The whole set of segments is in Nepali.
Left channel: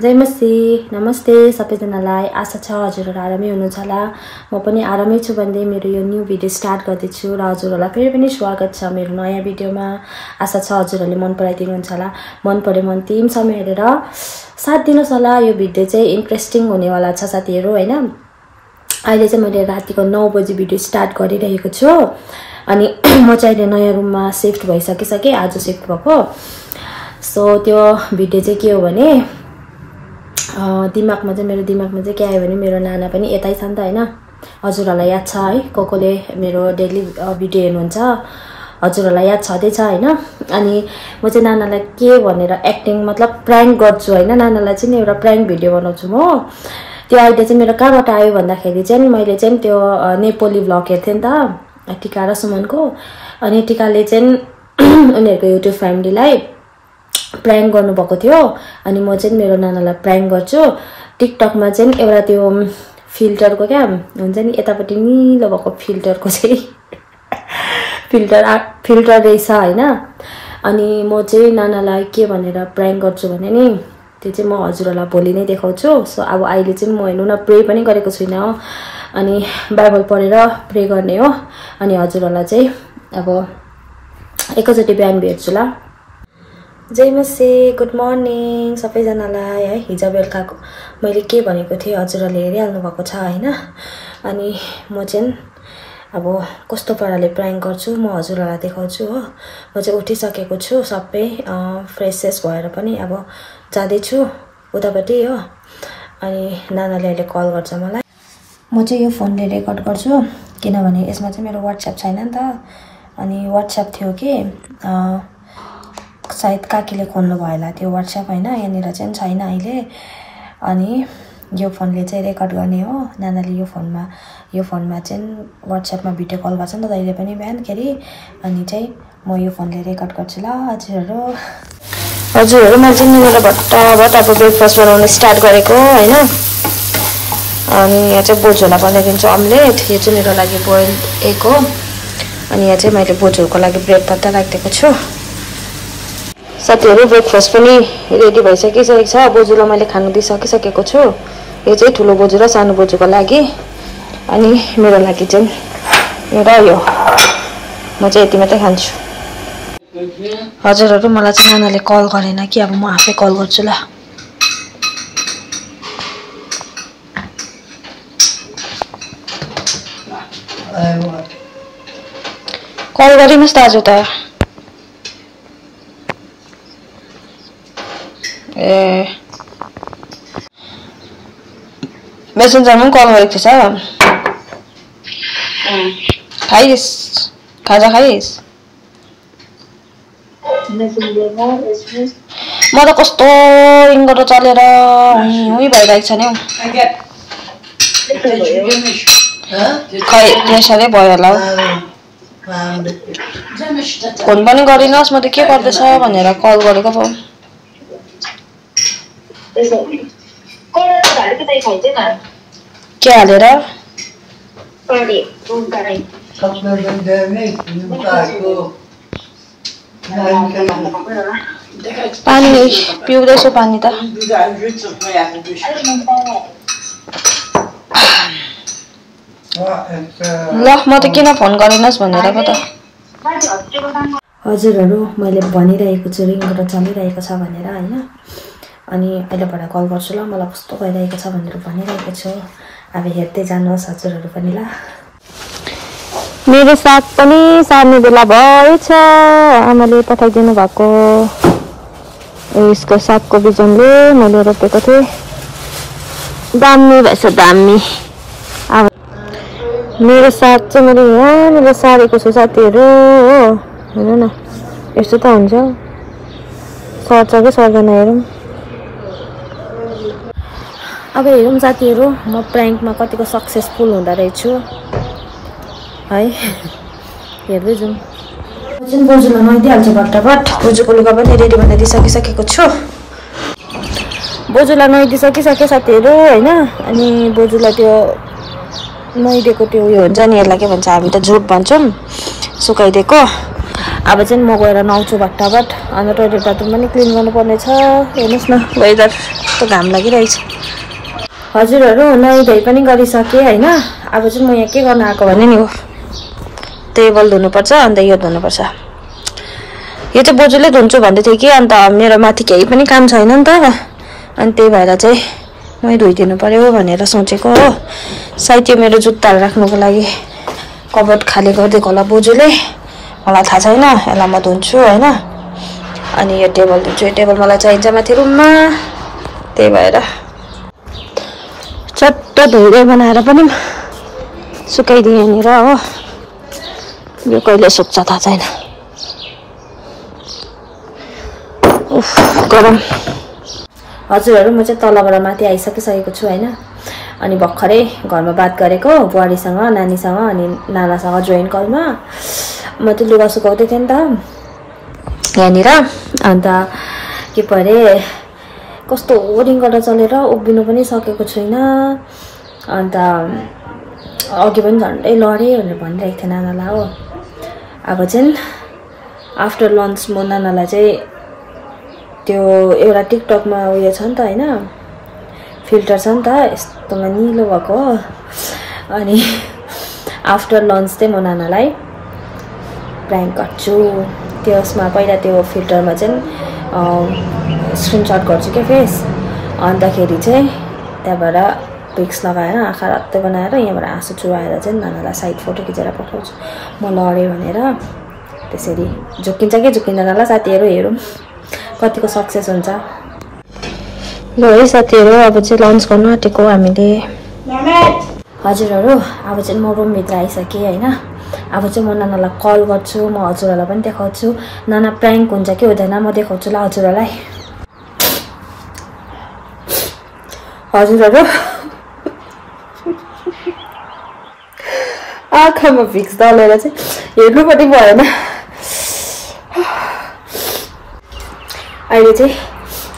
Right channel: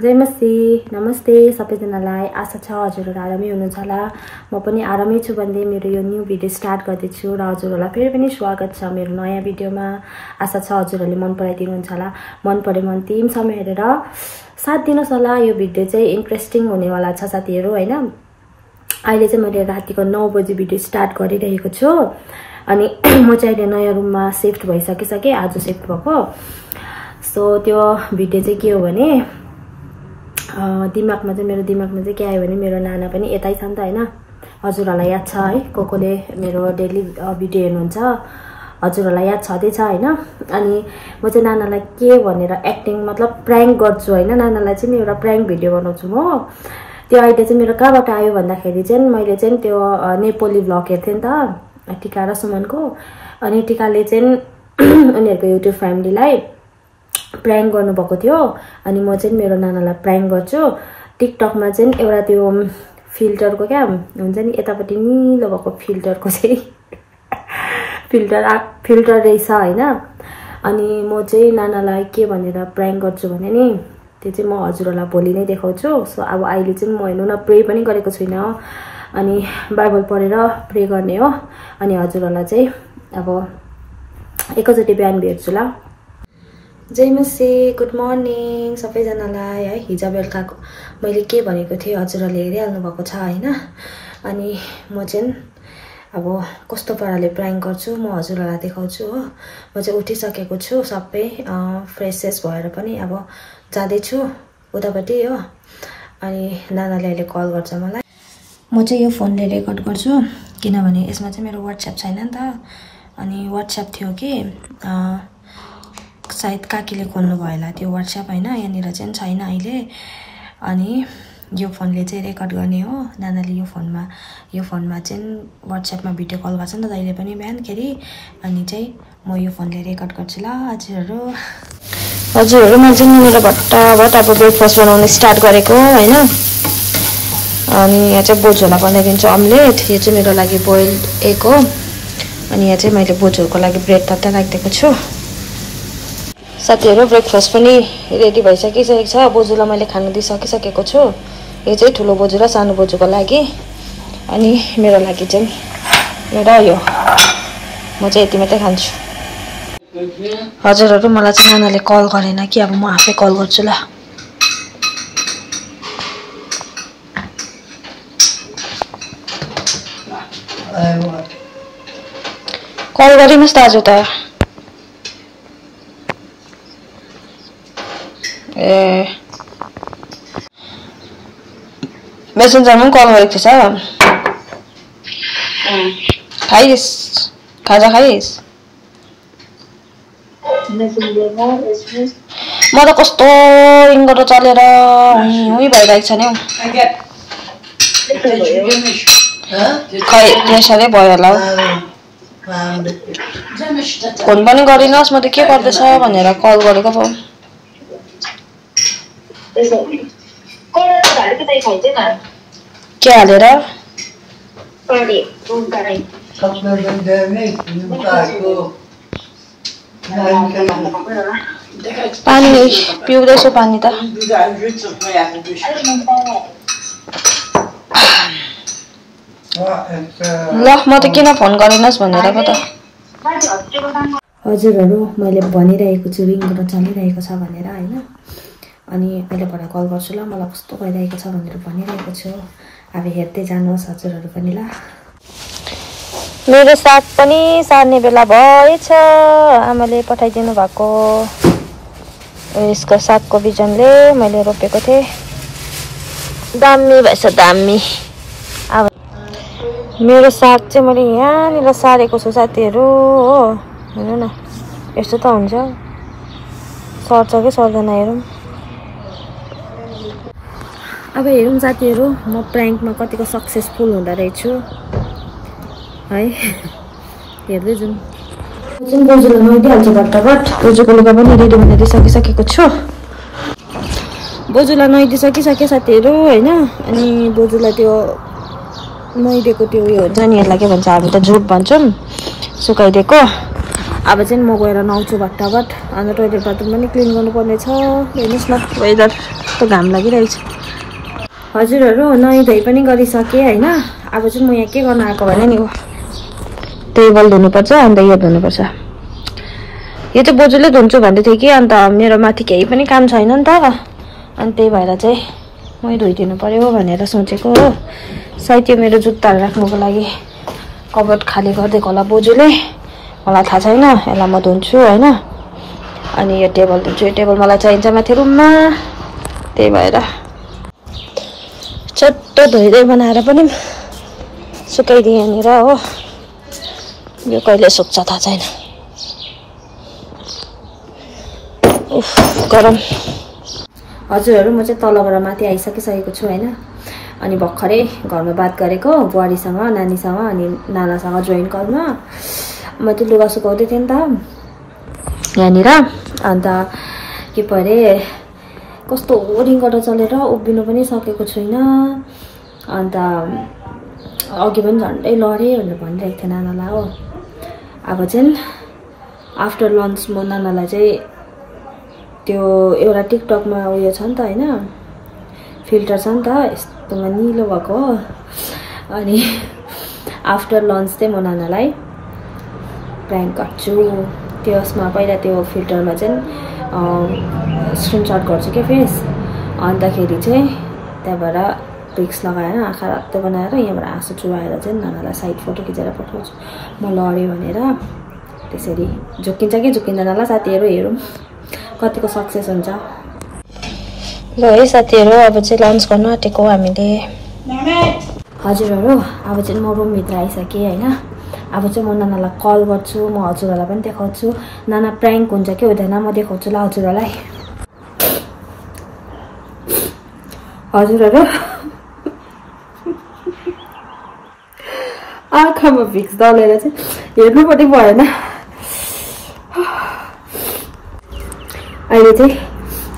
जय मसी नमस्ते सबैजनालाई आशा छ हजुरहरु आरामै हुनुहुन्छ होला म पनि आरामै छु भन्दै मेरो यो न्यू भिडियो स्टार्ट गर्दैछु र हजुरहरुलाई फेरि पनि स्वागत छ मेरो नयाँ भिडियोमा आशा छ हजुरहरुले मन पराइदिनुहुन्छ होला मन परे मन अन्तिमसम्म हेरेर साथ दिनुस् होला यो भिडियो चाहिँ इन्ट्रेस्टिङ हुनेवाला छ साथीहरु हैन अहिले चाहिँ मैले रातिको 9 बजे भिडियो स्टार्ट गरिरहेको छु अनि म चाहिँ अहिले नयाँ रुममा शिफ्ट भइसकिसके आज शिफ्ट भएको सो त्यो भिडियो चाहिँ के हो भने दिमागमा चाहिँ के आयो भने मेरो नाना पनि यतै छ नि त हैन हजुरहरुलाई याद छ है कोकोले मेरो डेली भिडियो हेर्नुहुन्छ हजुरहरुलाई याद छदै छ हैन अनि म चाहिँ नानालाई के भनेर एक्टिङ मतलब प्राङ्क गर्छु हैन नानालाई चाहिँ एउटा प्राङ्क भिडियो बनाउँछु म त्यो आइडिया चाहिँ मेरो कहाँबाट आयो भन्दाखेरि चाहिँ मैले चाहिँ त्यो नेपाली भ्लग हेर्थे नि त टिका र सुमनको अनि टिकाले चाहिँ उनीहरुको युट्युब फ्यामिलीलाई प्राङ्क गर्नु भएको थियो अनि म चाहिँ मेरो नानालाई प्राङ्क गर्छु टिकटकमा चाहिँ एउटा त्यो फिल्टरको क्या हुन्छ नि यतापट्टि निलो भएको फिल्टरको चाहिँ फिल्टर रहेछ हैन अनि म चाहिँ नानालाई के भनेर प्राङ्क गर्छु भने नि त्यो चाहिँ म हजुरहरुलाई भोलि नै देखाउँछु सो अब अहिले चाहिँ म हेर्नु न प्रे पनि गरेको छुइनँ अनि बाइबल पढेर प्रे गर्ने हो अनि हजुरहरुलाई चाहिँ अब एकैचोटी बिहान भेट्छु ल जय मसी गुड मर्निङ सबैजनालाई है हिजो बेलुकाको मैले के भनेको थिएँ हजुरहरुले हेरिहाल्नु भएको छ हैन अनि म चाहिँ अब कस्तो पाराले प्राङ्क गर्छु म हजुरहरुलाई देखाउँछु हो म चाहिँ उठिसकेको छु सबै फ्रेसेस भएर पनि अब जाँदै छु उतापट्टि हो अनि नानाले अहिले कल गर्छ मलाई म चाहिँ यो फोनले रेकर्ड गर्छु किनभने यसमा चाहिँ मेरो WhatsApp छैन नि त अनि WhatsApp थियो कि सायद काकीले खोल्नु भयो होला त्यो WhatsApp हैन यहाँनिर चाहिँ छैन अहिले अनि यो फोनले चाहिँ रेकर्ड गर्ने हो नानाले यो फोनमा चाहिँ WhatsAppमा भिडियो कल गर्छ नि त जहिले पनि बिहानखेरि अनि चाहिँ म यो फोनले रेकर्ड गर्छु ल हजुरहरु मैले चाहिँ मेरो भट्टाभट अब ब्रेकफास्ट बनाउन स्टार्ट गरेको हैन अनि यहाँ चाहिँ बोजूलाई बनाइदिन्छु अमलेट यो चाहिँ मेरो लागि बोइल एग हो अनि यहाँ चाहिँ मैले बोजूको लागि ब्रेड पत्ता राखिदिएको छु साथीहरु ब्रेकफास्ट पनि रेडी भइसकिसकेको छ बोजूलाई मैले खानु दिइसकिसकेको छु यो चाहिँ ठुलो बोजू र सानो बोजूको लागि अनि मेरो लागि चाहिँ एउटा यो म चाहिँ यति मात्रै खान्छु हजुरहरु मलाई चाहिँ नानाले कल गरेन कि अब म आफै कल गर्छु ल कल गरिनुहोस् दाजु त ए मेसेन्जरमा कल गरेको थिएछ खाइस् खाजा खाइस् म त कस्तो रिङ्गो चलेर हुई भइरहेको छ नि हौ खै त्यसैले भयो होला हौ फोन पनि गरिनुहोस् म त के गर्दैछ भनेर कल गरेको पो के हालेर पानी पिउँदैछु पानी त ल म त किन फोन गरिनुहोस् भनेर पो त हजुरहरु मैले भनिरहेको छु रिङ चलिरहेको छ भनेर हैन अनि अहिलेबाट कल गर्छु ल मलाई कस्तो भइरहेको छ भनेर भनिरहेको छु अब हेर्दै जानुहोस् हजुरहरु पनि ल मेरो साग पनि सार्ने बेला भएछ आमाले पठाइदिनु भएको यसको सागको बिजनले मैले रोपेको थिएँ दामी भएछ दामी अब मेरो साग चाहिँ मैले यहाँनिर सारेको छु साथीहरु हो हेर्नु न यस्तो त हुन्छ सर्छ कि सर्दैन हेरौँ अब हेरौँ साथीहरु म प्राङ्कमा कतिको सक्सेसफुल हुँदा रहेछु है हेर्दै जाउँ चाहिँ बोजूलाई नुहाइदिइहाल्छु भट्टाभट बोजूको लुगा पनि रेडी बनाइदिइसकिसकेको छु बोजूलाई नुहाइदिइसकिसके साथीहरु हैन अनि बोजूलाई त्यो नुहाइदिएको त्यो उयो हुन्छ नि यसलाई के भन्छ हामी त झुट भन्छौँ सुकाइदिएको अब चाहिँ म गएर नुहाउँछु भट्टाभट अन्त टोइलेट बाथरुम पनि क्लिन गर्नुपर्ने छ हेर्नुहोस् न वेदर कस्तो घाम लागिरहेछ हजुरहरू नुहाइधुवाइ पनि गरिसकेँ होइन अब चाहिँ म यहाँ के गर्न आएको भने नि हो टेबल धुनुपर्छ अन्त यो धुनुपर्छ यो चाहिँ बोजूले धुन्छु भन्दै थियो कि अन्त मेरो माथि केही पनि काम छैन नि त अनि त्यही भएर चाहिँ मै धोइदिनु पर्यो भनेर सोचेको हो सायद यो मेरो जुत्ताहरू राख्नुको लागि कबोर्ड खाली गरिदिएको होला बोजूले मलाई थाहा छैन यसलाई म धुन्छु होइन अनि यो टेबल धुन्छु यो टेबल मलाई चाहिन्छ माथि रुममा त्यही भएर चट्ट धुँदै बनाएर पनि सुकाइदिएँ यहाँनिर हो यो कहिले सुक्छ थाहा छैन गरम हजुरहरू म चाहिँ तलबाट माथि आइसकिसकेको छु होइन अनि भर्खरै घरमा बात गरेको बुहारीसँग नानीसँग अनि नानासँग जोइन कलमा म चाहिँ लुगा सुकाउँदै थिएँ नि त यहाँनिर अन्त के परे कस्तो रिङ्गटा चलेर उभिनु पनि सकेको छुइनँ अन्त अघि पनि झन्डै लडेँ भनेर भनिरहेको थिएँ नानालाई हो अब चाहिँ आफ्टर लन्च म नानालाई चाहिँ त्यो एउटा टिकटकमा उयो छ नि त होइन फिल्टर छ नि त यस्तोमा निलो भएको हो अनि आफ्टर लन्च चाहिँ म नानालाई प्र्याङ्क गर्छु त्यसमा पहिला त्यो फिल्टरमा चाहिँ स्क्रिनसट गर्छु क्या फेस अन्तखेरि चाहिँ त्यहाँबाट पिक्स लगाएर आँखा रत्तै बनाएर यहाँबाट आँसु चुहाएर चाहिँ नानालाई साइड फोटो खिचेर पठाउँछु म लडेँ भनेर त्यसरी झुक्किन्छ कि झुक्किँदैन होला साथीहरू हेरौँ कतिको सक्सेस हुन्छ ल है साथीहरू अब चाहिँ लन्च गर्न आँटेको हामीले हजुरहरू अब चाहिँ म रुमभित्र आइसकेँ होइन अब चाहिँ म नानालाई कल गर्छु म हजुरहरूलाई पनि देखाउँछु नाना प्र्याङ्क हुन्छ कि हुँदैन म देखाउँछु ल हजुरहरूलाई हजुरहरू आँखामा भिक्स दलेर चाहिँ हेर्नु पनि भएन अहिले चाहिँ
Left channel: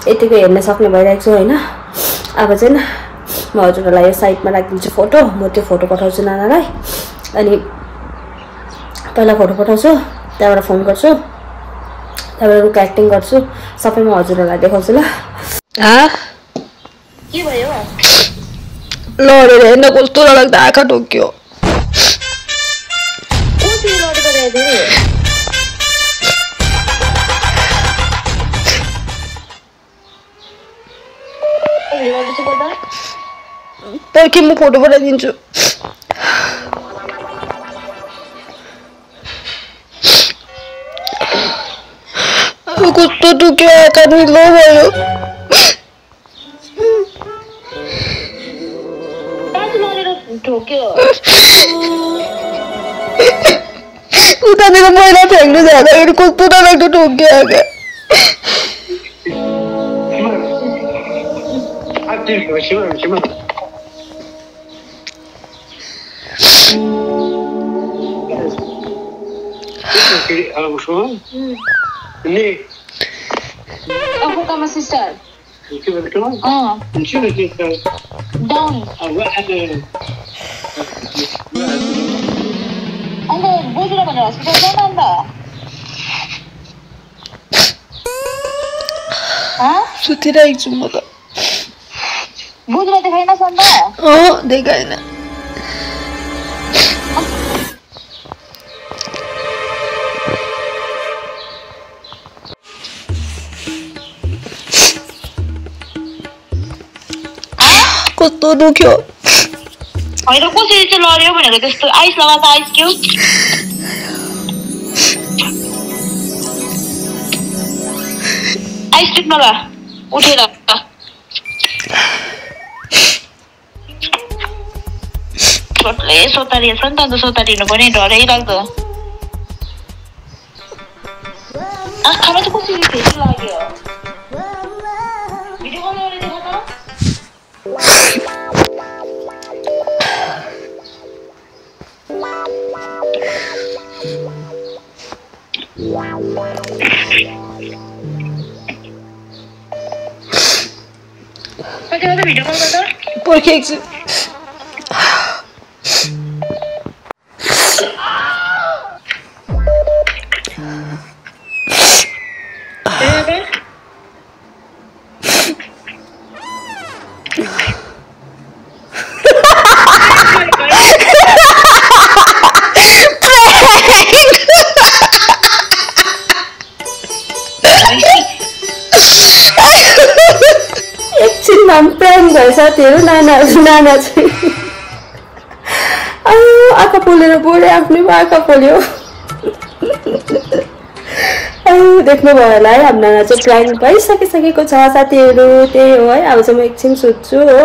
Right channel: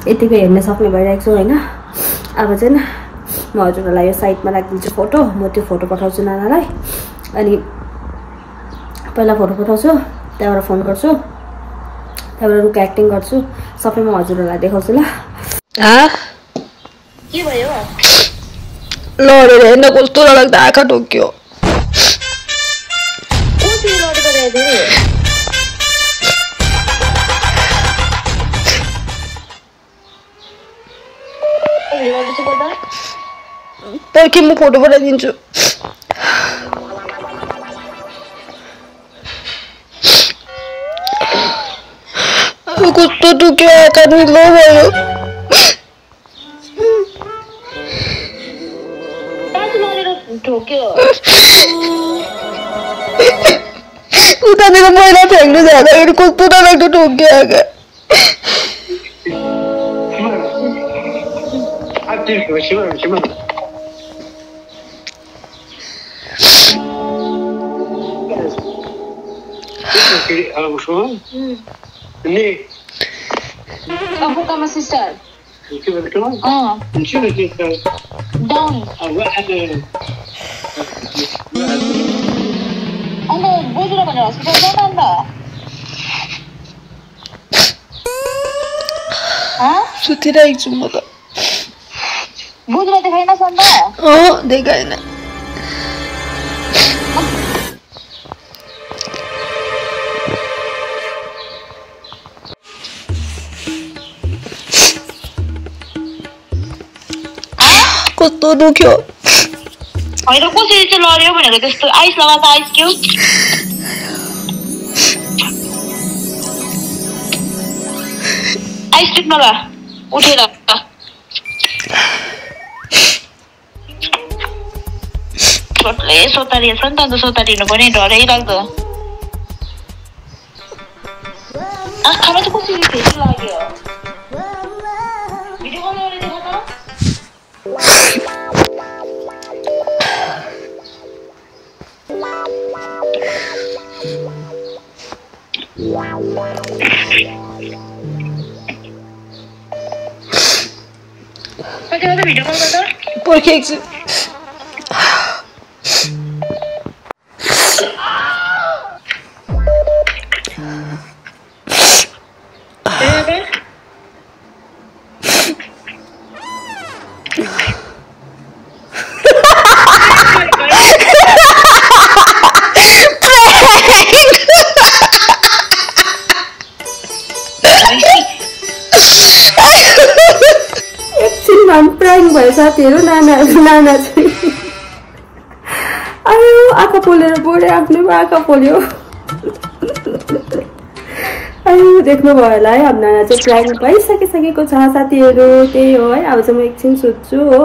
यतिको हेर्न सक्ने भइरहेको छु होइन अब चाहिँ म हजुरहरूलाई यो साइडमा राखिदिन्छु फोटो म त्यो फोटो पठाउँछु नानालाई अनि पहिला फोटो पठाउँछु त्यहाँबाट फोन गर्छु त्यहाँबाट रुख एक्टिङ गर्छु सबै म हजुरहरूलाई देखाउँछु ल के भयो लडेर हेर्न कस्तो लाग्दा आँखा ढोक्यो पर्खी म फोटो पठाइदिन्छु कस्तो दुख्यो आँखा निलो भयो उतातिर मैला फ्याँक्नु जाँदाखेरि कस्तो नलाग्दो ठोक्यो आँखा Aku sama sister. Down. Anda bodoh lah mana? Hospital mana anda? सुतिरहेको छु म त बोजूलाई देखाइन anda? देखाएन कस्तो दुख्यो होइन कसरी चाहिँ लड्यो भनेको त्यस्तो आइस लगाएको आइस क्यु आइस टिप्न ल उठेर छोटले सोतारिएछ नि त अन्त सोतारिनु पनि डरै लाग्दो आँखामा चाहिँ कसरी फेरि लाग्यो भिडियो कल गरेर देखा त भिडियो कल गर्दा पर्खेको छु इन्स्टाग्राम प्याङ भयो साथीहरू नाना चाहिँ आँखा पोलेर बोले आफ्नै आँखा पोल्यो देख्नुभयो होला है हाम्रो नाना चाहिँ प्लान भइसकिसकेको छ साथीहरू त्यही हो है अब चाहिँ म एकछिन सुत्छु हो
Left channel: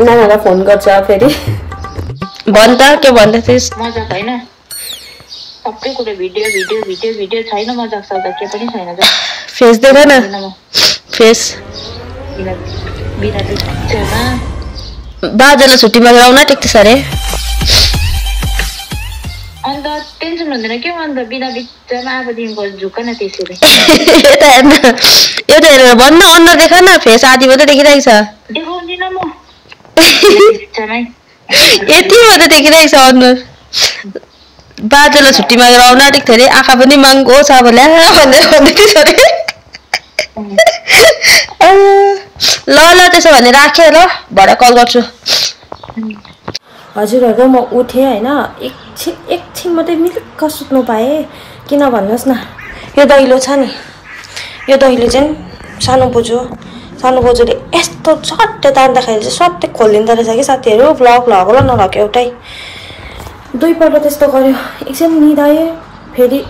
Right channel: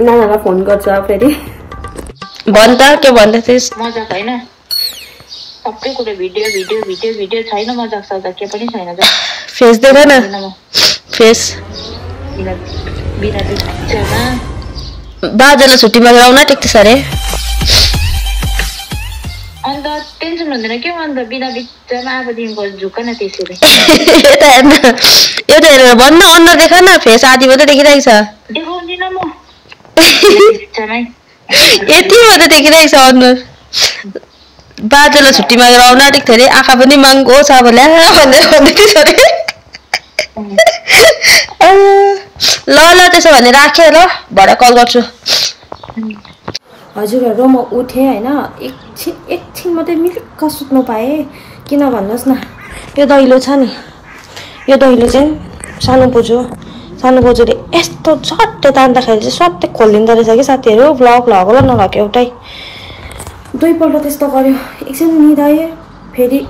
नानालाई फोन गर्छ फेरि भन् त के भन्दै थिइस् मजाक हैन सबै कुरा भिडियो छैन मजाक सजाक के पनि छैन फेस देख न फेस बिना पिक्चरमा बाजेलाई छुट्टीमा गएर आउन टेक्छ अरे अन्त टेन्सन हुँदैन के अन्त बिना पिक्चरमा अबदेखिको झुक्क न त्यसरी यता हेरेर भन्न अनुहार देख न फेस आधी मात्रै देखिरहेको छ देखाउँदिन म पिक्चरमै यति मात्रै देखिरहेको छ अनुहार बाजेलाई छुट्टीमा गएर आउन आँटेको थियो अरे आँखा पनि महँगो छ बोल्या भन्दै थियो अरे ल त्यसो भने राखेँ ल भरे कल गर्छु हजुरहरू म उठेँ होइन एकछिन मात्रै मिल्क सुत्नु पाएँ किन भन्नुहोस् न यो दैलो छ नि यो दैलो चाहिँ सानो बोजूले यस्तो झट्टै तान्दाखेरि चाहिँ स्वाट्टै खोलिदिँदो रहेछ कि साथीहरू ब्लग लगेर नलग्यो एउटै दुईपल्ट त्यस्तो गर्यो एकछिन निदायो फेरि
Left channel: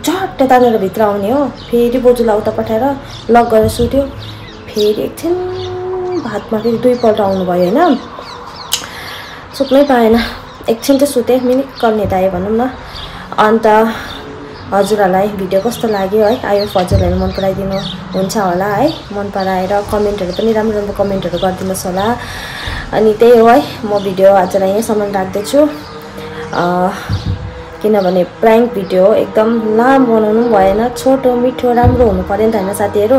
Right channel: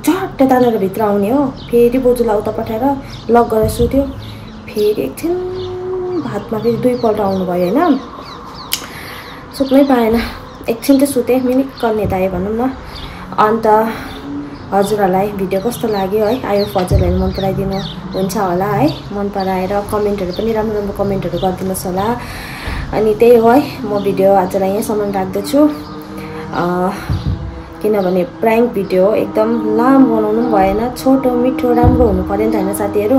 झट्टै तानेर भित्र आउने हो फेरि बोजूलाई उता पठाएर लक गरेर सुत्यो फेरि एकछिन भातमा फेरि दुईपल्ट आउनुभयो होइन सुत्नै पाएन एकछिन चाहिँ सुतेँ मिनिट निदाएँ भनौँ न अन्त हजुरहरूलाई भिडियो कस्तो लाग्यो है आयो हजुरहरूले मन पराइदिनु हुन्छ होला है मन पराएर कमेन्टहरू पनि राम्रो कमेन्टहरू गरिदिनुहोस् होला अनि त्यही हो है म भिडियो आजलाई यहीँसम्म राख्दैछु किनभने प्राङ्क भिडियो एकदम लामो बनाउनु भएन छोटो मिठो राम्रो हुनु पर्यो नि त होइन साथीहरू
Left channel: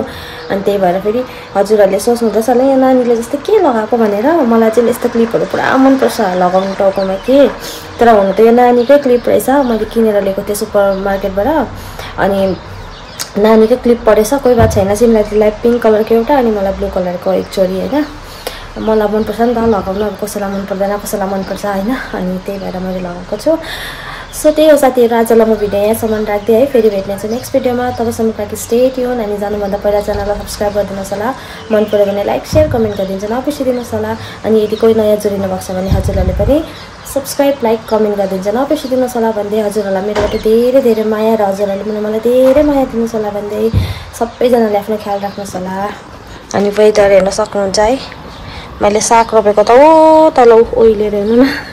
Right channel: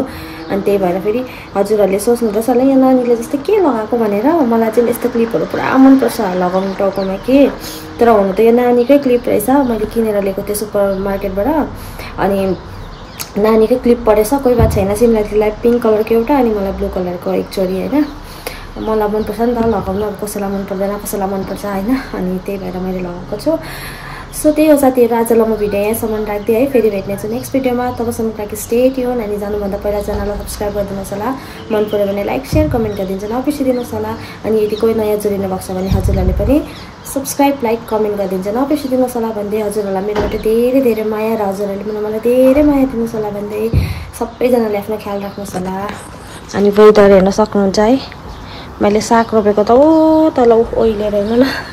अनि त्यही भएर फेरि हजुरहरूले सोच्नुहुँदैछ होला यो नानीले जस्तो के लगाएको भनेर मलाई चाहिँ यस्तो क्लिपहरू पुरा मनपर्छ लगाउनु टाउकोमा के तर हुनु त यो नानीकै क्लिप रहेछ मैले किनेर ल्याएको थिएँ सुपर मार्केटबाट अनि नानीकै क्लिप परेछ कोही बात छैन सिमलाई पिङ्क कलरको एउटा अनि मलाई ब्लू कलरको एक जोडी होइन मलाई मनपर्छ नि त लगाउनु अब कसैलाई मन पर्दैन कसैलाई मनपर्छ होइन अनि त्यही भएर मैले लगाएको छु सो त्यही हो साथीहरू आजलाई म भिडियो यहाँसम्म राख्दै है फेरि भेट्नेछु नेक्स्ट भिडियोमा तबसम्म लागि स्टे ट्युन अनि जानुभन्दा पहिला च्यानललाई सब्सक्राइब गरिदिनुहोस् होला मन पऱ्यो भने लाइक सेयर कमेन्ट गरिदिन्छ नबिर्सिदिनुहोस् होला अनि यदि कोही नयाँ जोडिनु भएको छ भने हजुरहरूले पनि सब्सक्राइब लाइक कमेन्ट गरिदिन्छ नबिर्सिदिनुहोस् होला भन्दै हजुरहरूलाई मेरोबाट धेरै धेरै माया र हजुरहरूले पनि मलाई धेरै माया दिनुहोस् होला भन्दै सबैजनाले आफ्नो ख्याल राख्नुहोस् होला अनि वेदर हेर्न सक्नुहुन्छ है मैले साग रोपेको त तल ओइलेर हेर्नु न